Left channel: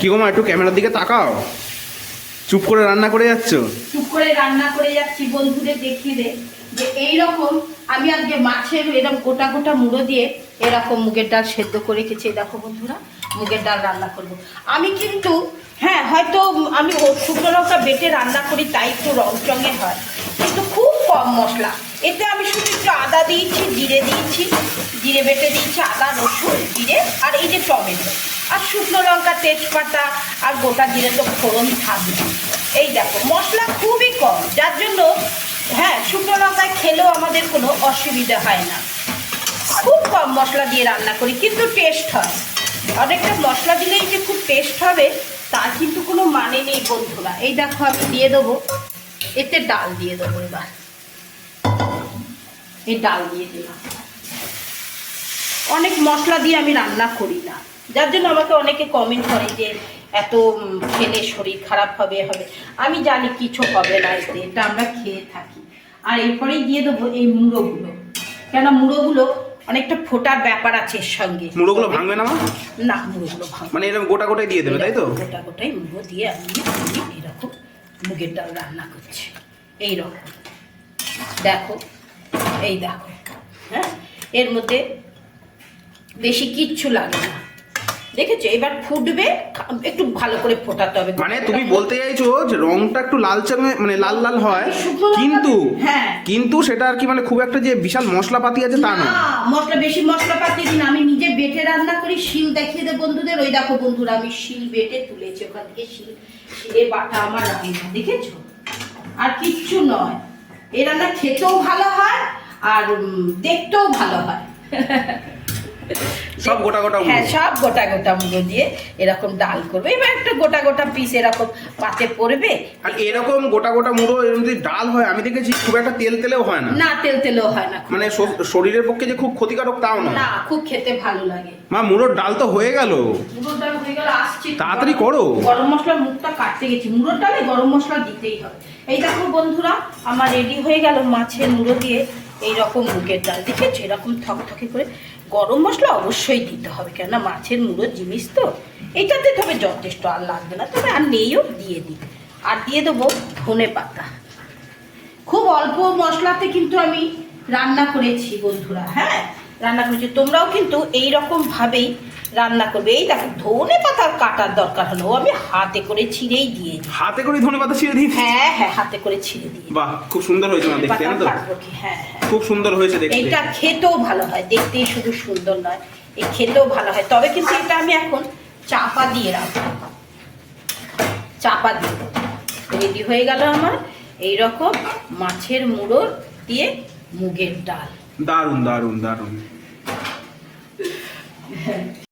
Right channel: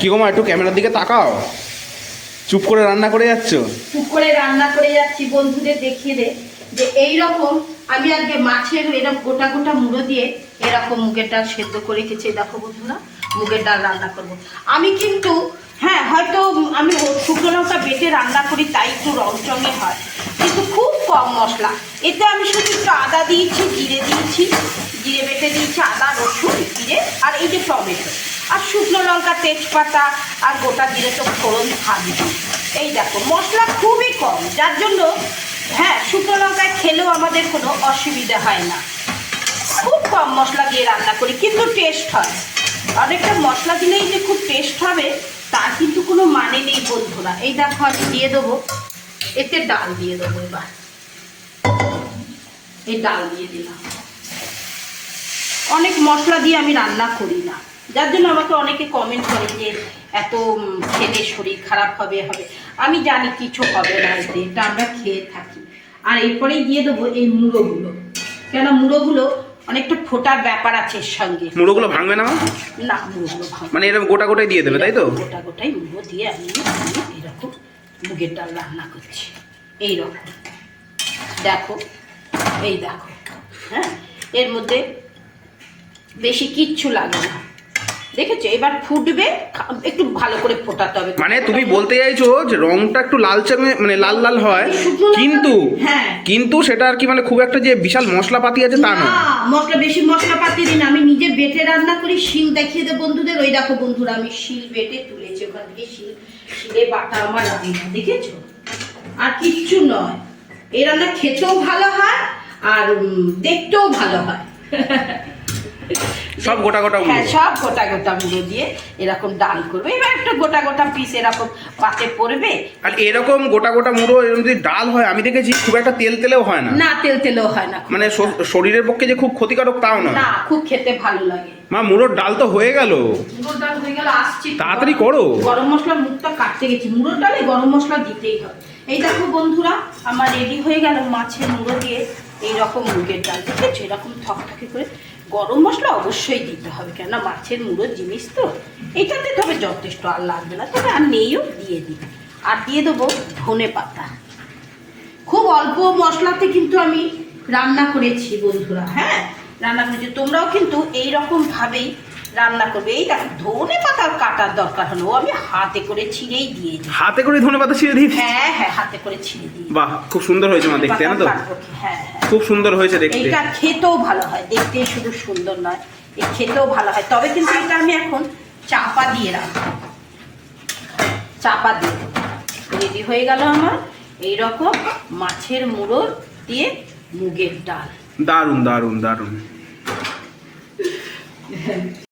কি গো মা, একটু ক্যামেরার দিকে তাকাও। চুপ করে রান্না করে যাচ্ছ? চুপ করে রান্না করে যাচ্ছি বন্ধুদের দেখিয়ে দে যে এইরকম আমি আজকে মাছের এরকম গোটা গোটা মুড়ো দিয়ে এরকম মুগের ডাল সেদ্ধ করে রেখেছি। দেখো বন্ধুরা, মুগের ডাল রান্না করব আমি, কিন্তু হ্যাঁ হয়তো আমি শুকনো লঙ্কা বেটে রান্না করি তাই একটু রং চঙে হয়, কিন্তু খুব কম মশলা। এতে আমি শুধু একটু আদা দিয়েছি, জিরে দিয়েছি, জিরে বেটে দিয়েছি, আদা রসুন জিরে আর এই যে টমেটো আর শুকনো লঙ্কা তেজপাতা আর গোটা জিরে তো ফোড়ন থাকবে। এই দেখো মশলা খুবই কম, যার জন্য হ্যাঁ শুকনো লঙ্কায় খেলেও আমাদের কোনো অসুবিধা হয় না। খুব কম মশলা দিয়ে রান্না করি, কিন্তু টেস্ট হয়। অনেকটা মশলা দিলেই যে খুব টেস্ট হবে তার কিন্তু কোনো মানে নেই বন্ধুরা। এই দেখো আমি দিয়ে দেবো, এতে ডাল দিয়ে দেবো। এবার এই ডাল দিয়ে দিলাম। অনেক মশলা দিয়ে আমি রান্না করি না, যার জন্য আমাকে অনেকে কমেন্ট করে যে এত খেলে শরীর খারাপ হবে। আমি জানি কিছু হবে না, এতে এটা আমরা খেয়ে থাকি। আর এরপরেই দিয়ে দেবো এই মুড়োগুলো, কেননা মুড়োগুলো অনেকটা ফোটার ব্যাপার আছে এর সঙ্গে। মুড়োগুলো ভাঙবে না মা? না, মুড়োগুলো ভাঙবে মানে এরকম গোটা গোটাই দিয়ে দেবে, তাই তো? গোটা গোটাই মুড়ো দিয়ে আমি এইরকম মুগের ডাল রান্না করছি। এইরকম দেখো, এই দেখো, হ্যাঁ এর মধ্যে বেশি কিচ্ছু লাগে না, দেখেছো? এবার ফুটবে, একটু ভালো করে ফোটাতে হবে। মানে তুমি বলতে চাইছো যে রংটা একটু লালচে, মানে লাল লাল হয়, কিন্তু হ্যাঁ কিন্তু সেটা আর কি মানে খুব একটা যে বিশাল মশলাপাতি আছে তা নয়। মশলা বেশি মশলাপাতি দিন, আমি নিজে বেটে রান্না করি। শিল দেখিয়ে দে বন্ধুদের, ওই দেখো বন্ধুরা আমি শিল বেটে তুলেছি ওখান থেকে, শিলে বাটা আমার রান্না, দেখেছো? আর কিচ্ছু নয়, এই রান্না খেতেও ভালো হয় আর দেখতেও ভালো হয়। সব গোটা গোটা মুড়ো? হ্যাঁ, সব গোটা গোটা মুড়ো দিয়ে এরকম ডাল করবে। এবার একটা গোটা গোটা পিস এরকম পাতে পড়বে। আর এরকম গোটা গোটা মুড়ো এরকম যদি ডাল হয়, আমি দেখেছি খুব একটা তেল তেলেও হয় না। না, তেল তেলেও হয় না, মানে শরীরের পক্ষে যে খুব ক্ষতিকারক তাও না। না, খুব খেতে ভালো লাগে। মা, মুড়োর ডাল তো হয়ে গেল, মুড়োর ডাল হয়ে গেল, আসছি। তাড়াতাড়ি করো। গরম মশলার মুখটা কাটতে গেছি, মুড়োর ডালে গরম মশলা দিতেই হবে। এই দেখো বন্ধুরা আমার রেডি হয়ে গেল মাছের মুড়ো দিয়ে এইরকম মুগের ডাল, দেখেছো? এরকম থকথকে করে। গরম মশলা অবশ্যই দিতে হবে, কেননা মাছের মুড়োর জিনিস তো। এইটাতে তবে যথেষ্ট, আর লাগবে না, তবে আর নেইও, দিয়ে দিই। আর দিয়ে দেবো ধনে পাতা। খুব অল্প মশলাতে কিন্তু আমি রান্না করেছি বন্ধুরা, হ্যাঁ রান্না করেছি। তোমরাও কিন্তু এইরকম ভাবেই রান্না করবে। এই দেখো ধনে পাতা কাটার দরকার হলো, আমি হাতে করে ছিঁড়েই দিয়ে দিই। হাতে করে ধনে পাতা ছিঁড়ে দিই? হ্যাঁ হ্যাঁ, হাতে করে ছিঁড়ে দিই। বাহ, খুব সুন্দর হয়েছে মা দেখতে, জানো তো? হ্যাঁ হ্যাঁ, খুব সুন্দর হয়েছে দেখতে। এটা খেতেও ভালো হয়, দেখতেই শুধু সুন্দর নয়, এই খেতেও ভালো হয়। তবে কিন্তু এটা আমি এখন চাপা দিয়ে রাখবো, চাপা দিয়ে দেবো। রেডি হয়ে গেল আমার এইরকম মাছের মুড়ো দিয়ে মুগের ডাল। দারুণ দারুণ দারুণ।